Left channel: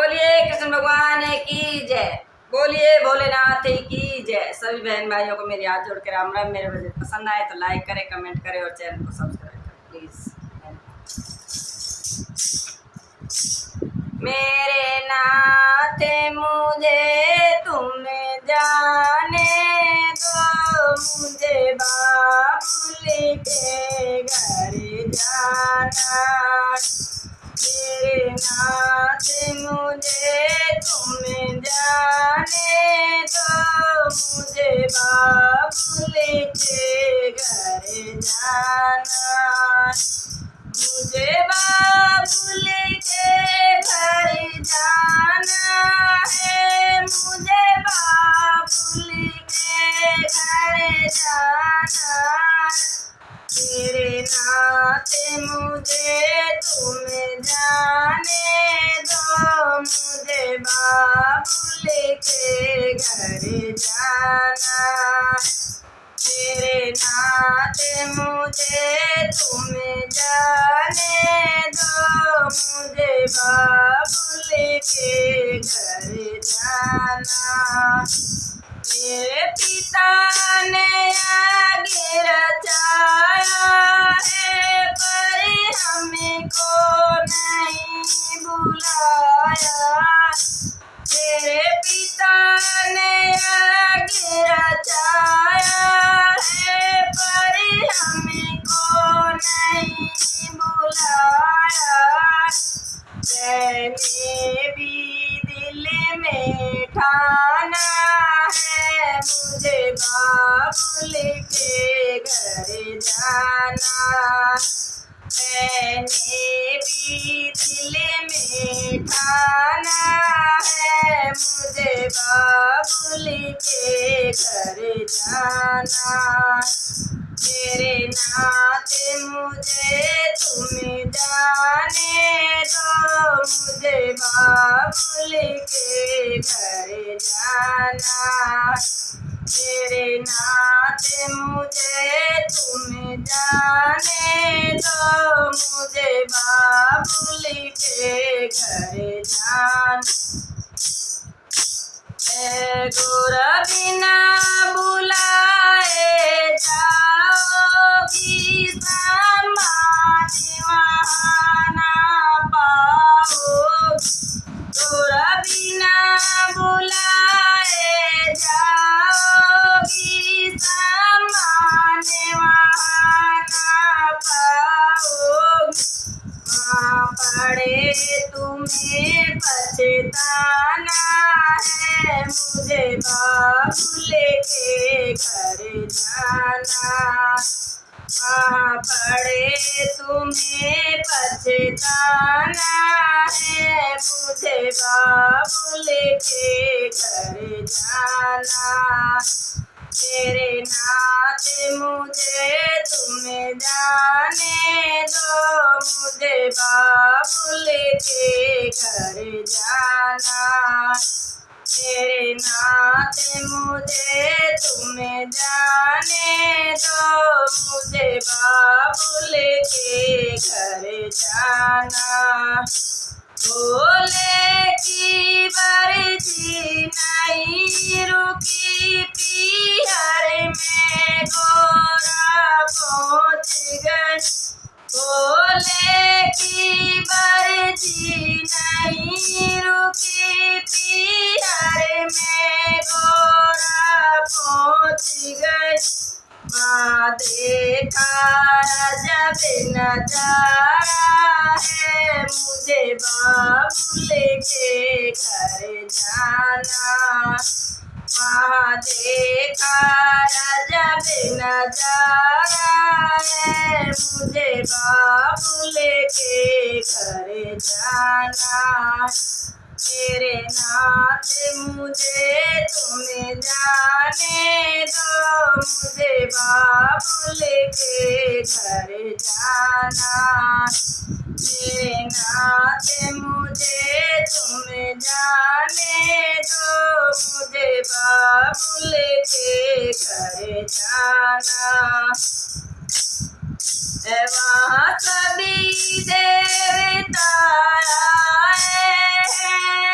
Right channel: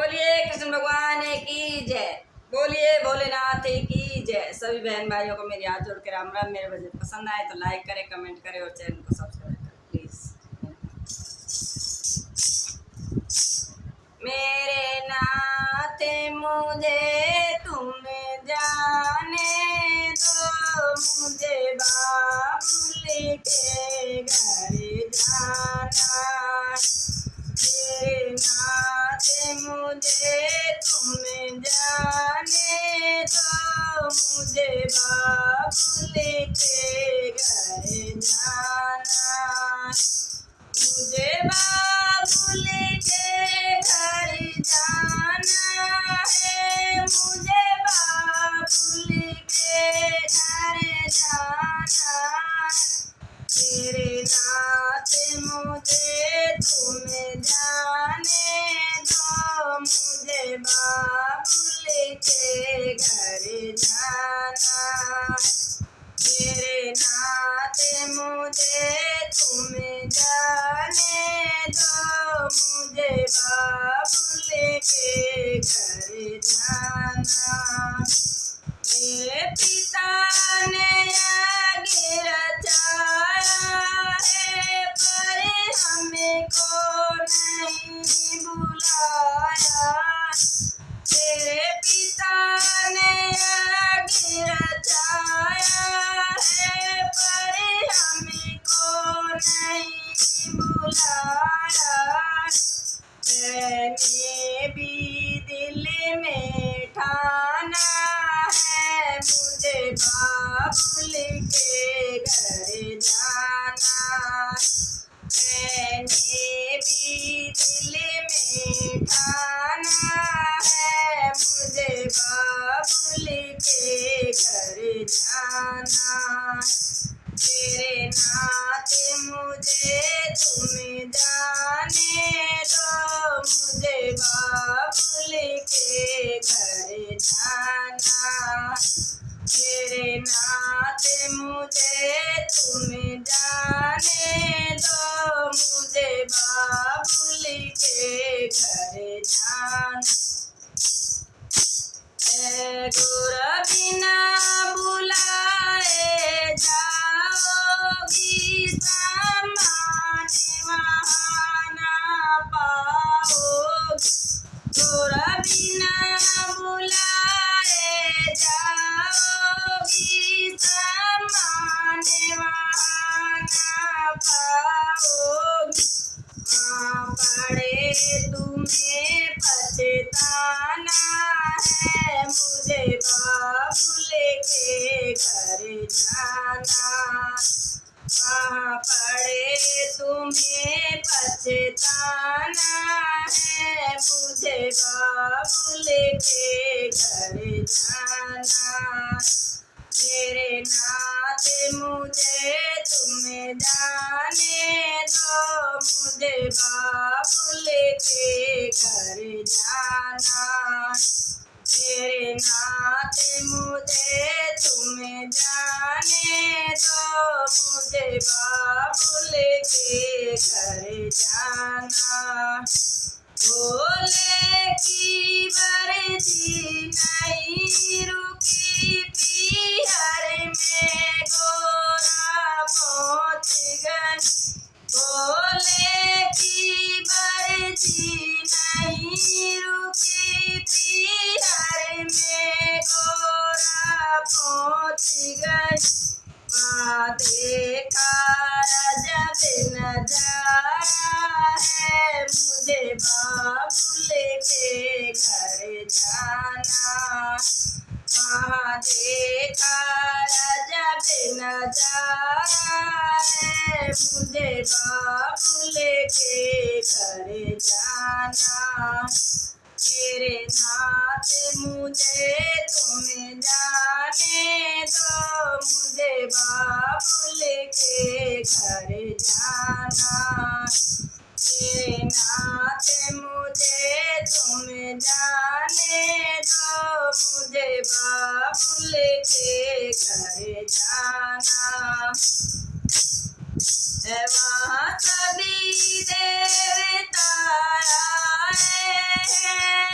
बोलिए कृष्ण भगवान की जय। बोलिए भोलेनाथ की जय। सभी बहन भाइयों को मेरी हाथ जोड़ कर राम राम। मेरे भजन पसंद आए तो लाइक करें, कमेंट करें और चैनल को सब्सक्राइब करें प्लीज। मेरे नाथ मुझे तुम जाने दो, मुझे बाबुल के घर जाना। मेरे नाथ मुझे तुम जाने दो, मुझे बाबुल के घर जाना। मुझे बाबुल के घर जाना है, मुझे बाबुल के घर जाना। तेरे नाथ मुझे तुम जाने दो, मुझे बाबुल के घर जाना। तेरे नाथ मुझे तुम जाने दो, मुझे बाबुल के घर जाना। मेरे पिता ने आगे रचाया है, पर हमको नहीं बुलाया। तेरे पिता ने आगे रचाया है, पर हमको नहीं बुलाया। मैंने भी दिल में ठाना है, मुझे बाबुल के घर जाना। मैंने भी दिल में ठाना है, मुझे बाबुल के घर जाना। तेरे नाथ मुझे तुम जाने दो, मुझे बाबुल के घर जाना। तेरे नाथ मुझे तुम जाने दो, मुझे बाबुल के घर जाना। गोरा बिना बुलाए जाओगी, समाधि वहाँ ना पाओगी। गोरा बिना बुलाए जाओगी, समाधि वहाँ ना पाओगी। वहाँ पड़े तुम्हें पछताना है, मुझे बाबुल के घर जाना। वहाँ पड़े तुम्हें पछताना है, मुझे बाबुल के घर जाना। तेरे नाथ मुझे तुम जाने दो, मुझे बाबुल के घर जाना। तेरे नाथ मुझे तुम जाने दो, मुझे बाबुल के घर जाना। भोले की बरसी नहीं रुकी, पीहर में गोरा पहुँच गए। भोले की बरसी नहीं रुकी, पीहर में गोरा पहुँच गए। वहाँ देखा जब नजारा है, मुझे बाबुल के घर जाना। वहाँ देखा जब नजारा है, मुझे बाबुल के घर जाना। तेरे नाथ मुझे तुम जाने दो, मुझे बाबुल के घर जाना। तेरे नाथ मुझे तुम जाने दो, मुझे बाबुल के घर जाना। वहाँ सभी देवता आए हैं,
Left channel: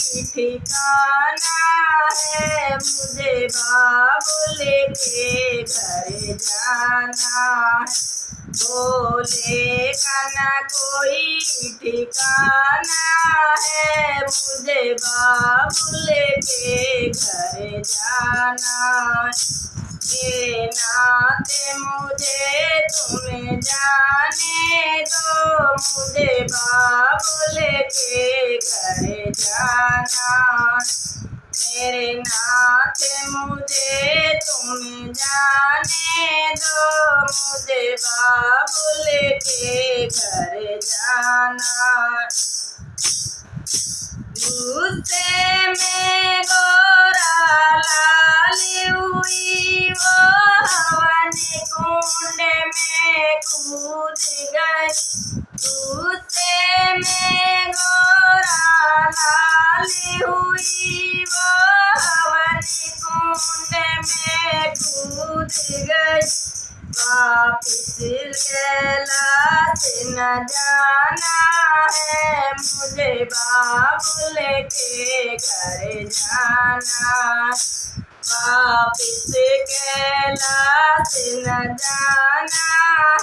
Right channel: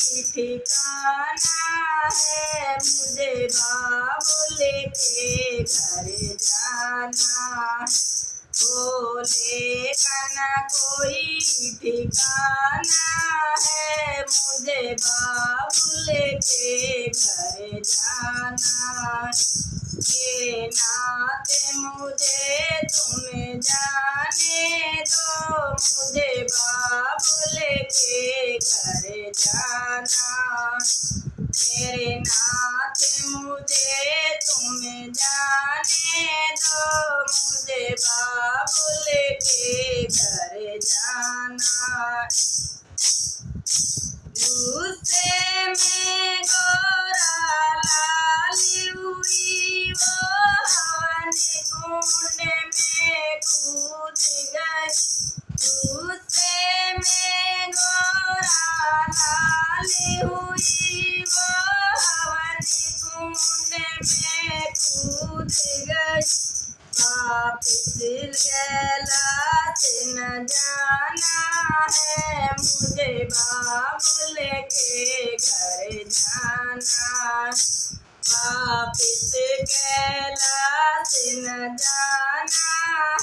ठिकाना है, मुझे बाबुल के घर जाना है। बोले का ना कोई ठिकाना है, मुझे बाबुल के घर जाना। के नाते मुझे तुम जाने दो, मुझे बाबुल के घर जाना। मेरे नाते मुझे तुम जाने दो, मुझे बाबुल के घर जाना। गुस्से में गोरा लाली हुई, वो हवन कुंड में कूद गई। गुस्से में गोरा लाली हुई, वो हवन कुंड में कूद गई। वापिस कैलाश न जाना है, मुझे बाबुल के घर जाना। वापिस कैलाश न जाना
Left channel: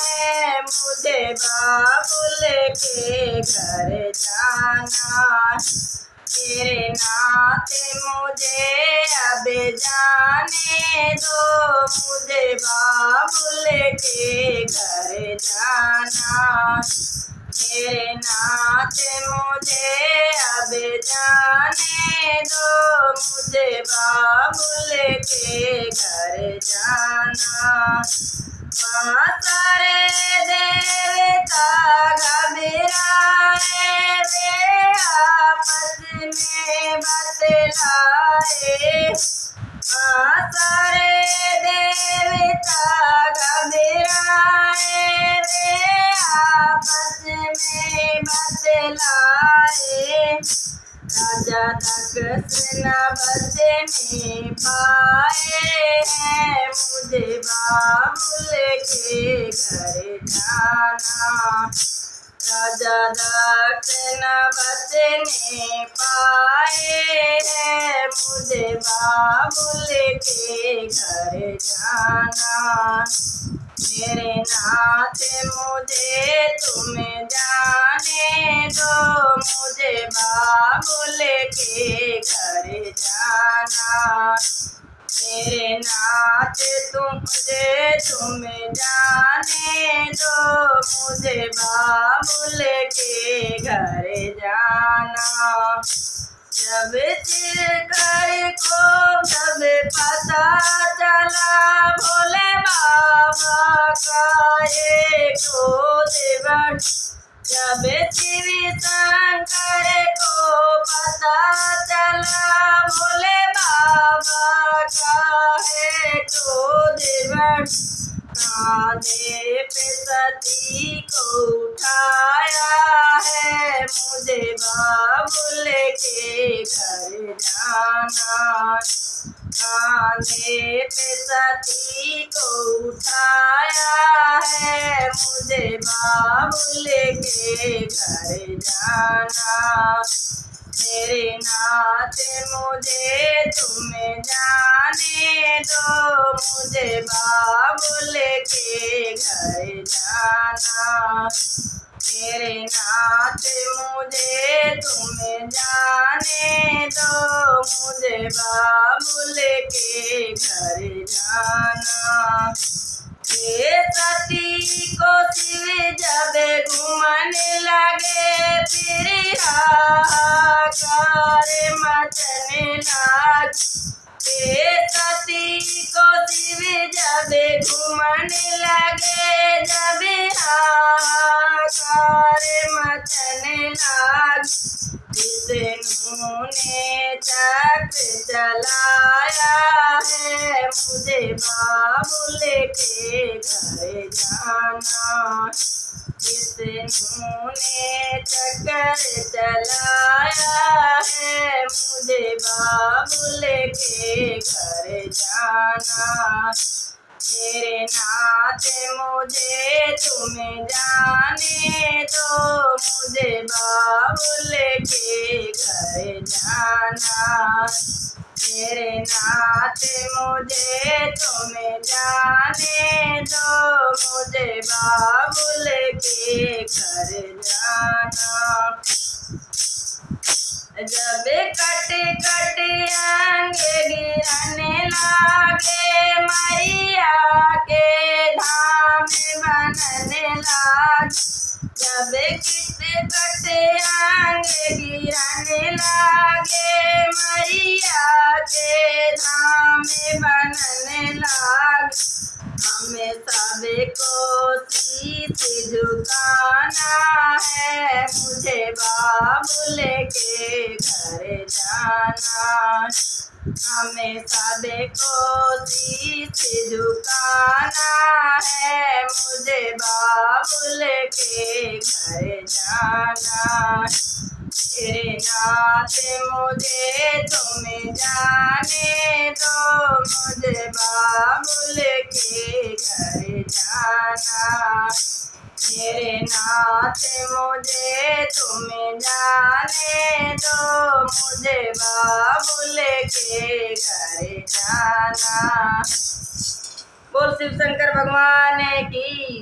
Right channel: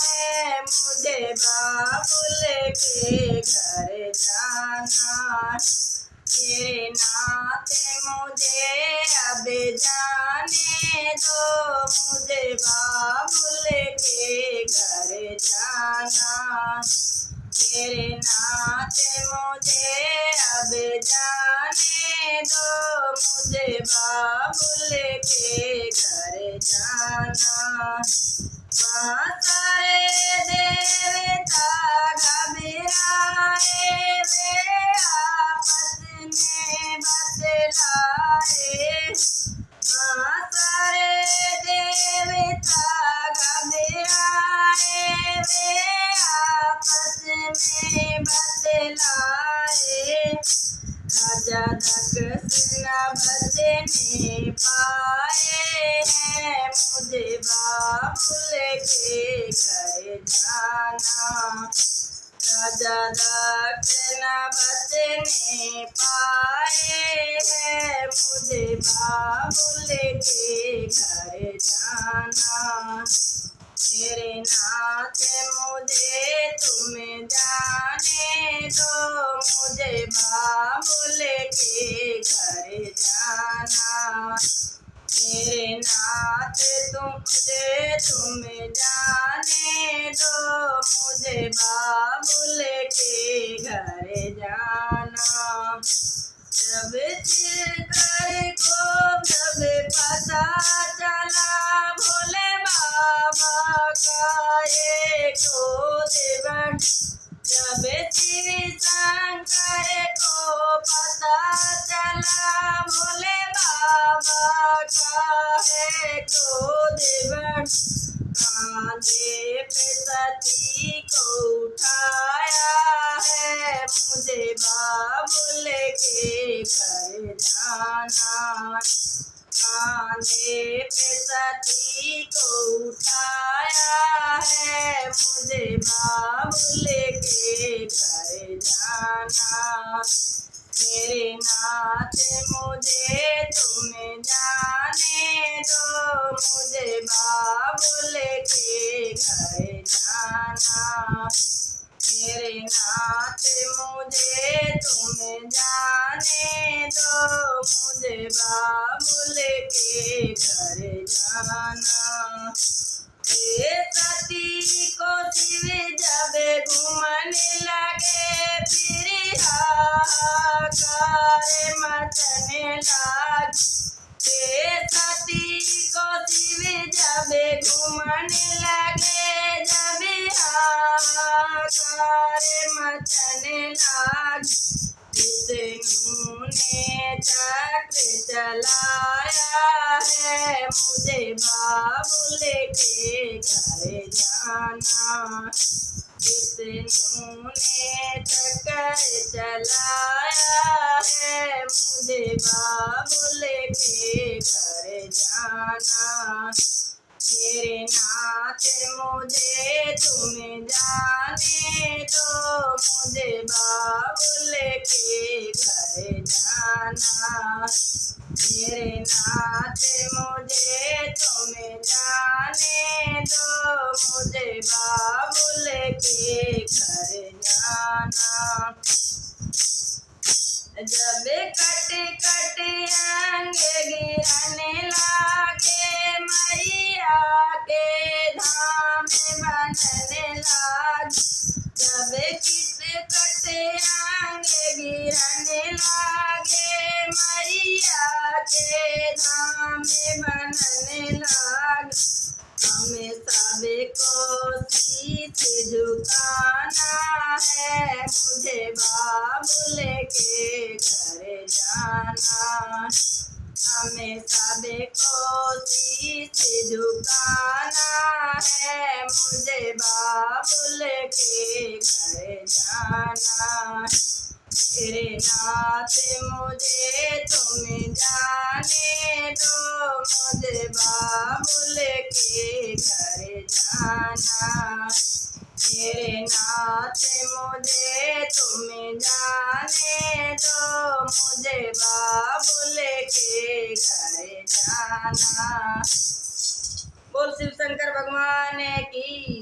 है, मुझे बाबुल के घर जाना। तेरे नाते मुझे अब जाने दो, मुझे बाबुल के घर जाना। तेरे नाते मुझे अब जाने दो, मुझे बाबुल के घर जाना। वहाँ सारे देवता घबराए, वे आपस में बतलाए। वहाँ सारे देवता घबराए, वे आपस में बतलाए। राजा दक्ष न बचने पाए हैं, मुझे बाबुल के घर जाना। राजा दक्ष न बचने पाए हैं, मुझे बाबुल के घर जाना। मेरे नाते मुझे तुम जाने दो, मुझे बाबुल के घर जाना। मेरे नाते तुम जाने दो, मुझे बाबुल के घर जाना। जब चिरकर को जब पता चला, भोले बाबा का ये क्रोध। जब शिव शंकर को पता चला, भोले बाबा का है क्रोध। कांधे पे सती को उठाया है, मुझे बाबुल के घर जाना। कांधे पे सती को उठाया है, मुझे बाबुल के घर जाना। तेरे नाते मुझे तुम जाने दो, मुझे बाबुल के घर जाना। तेरे नाते मुझे तुम जाने दो, मुझे बाबुल के घर जाना। ये सती को शिव जब घूमने लगे, फिर हाहाकार मचने लगे। ये सती को शिव जब घूमने लगे, जब हाहाकार मचने लगे। विष्णु ने चक्र चलाया है, मुझे बाबुल के घर जाना। विष्णु ने चक्र चलाया है, मुझे बाबुल के घर जाना। मेरे नाथ मुझे तुम्हें जाने दो, मुझे बाबुल के घर जाना। मेरे नाथ मुझे तुम्हें जाने दो, मुझे बाबुल के घर जाना। जब कट कट अंग गिरने लागे, मैया के धाम बनने लागे। जब किट कट अंग गिरने लागे, मैया के धाम बनने लागे। हमें सबको शीश झुकाना है, मुझे बाबुल के घर जाना। हमें सबको शीश झुकाना है, मुझे बाबुल के घर जाना। तेरे नाथ मुझे तुम्हें जाने दो, मुझे बाबुल के घर जाना। मेरे नाथ मुझे तुम्हें जाने दो, मुझे बाबुल के घर जाना। बोल शिव शंकर भगवान की।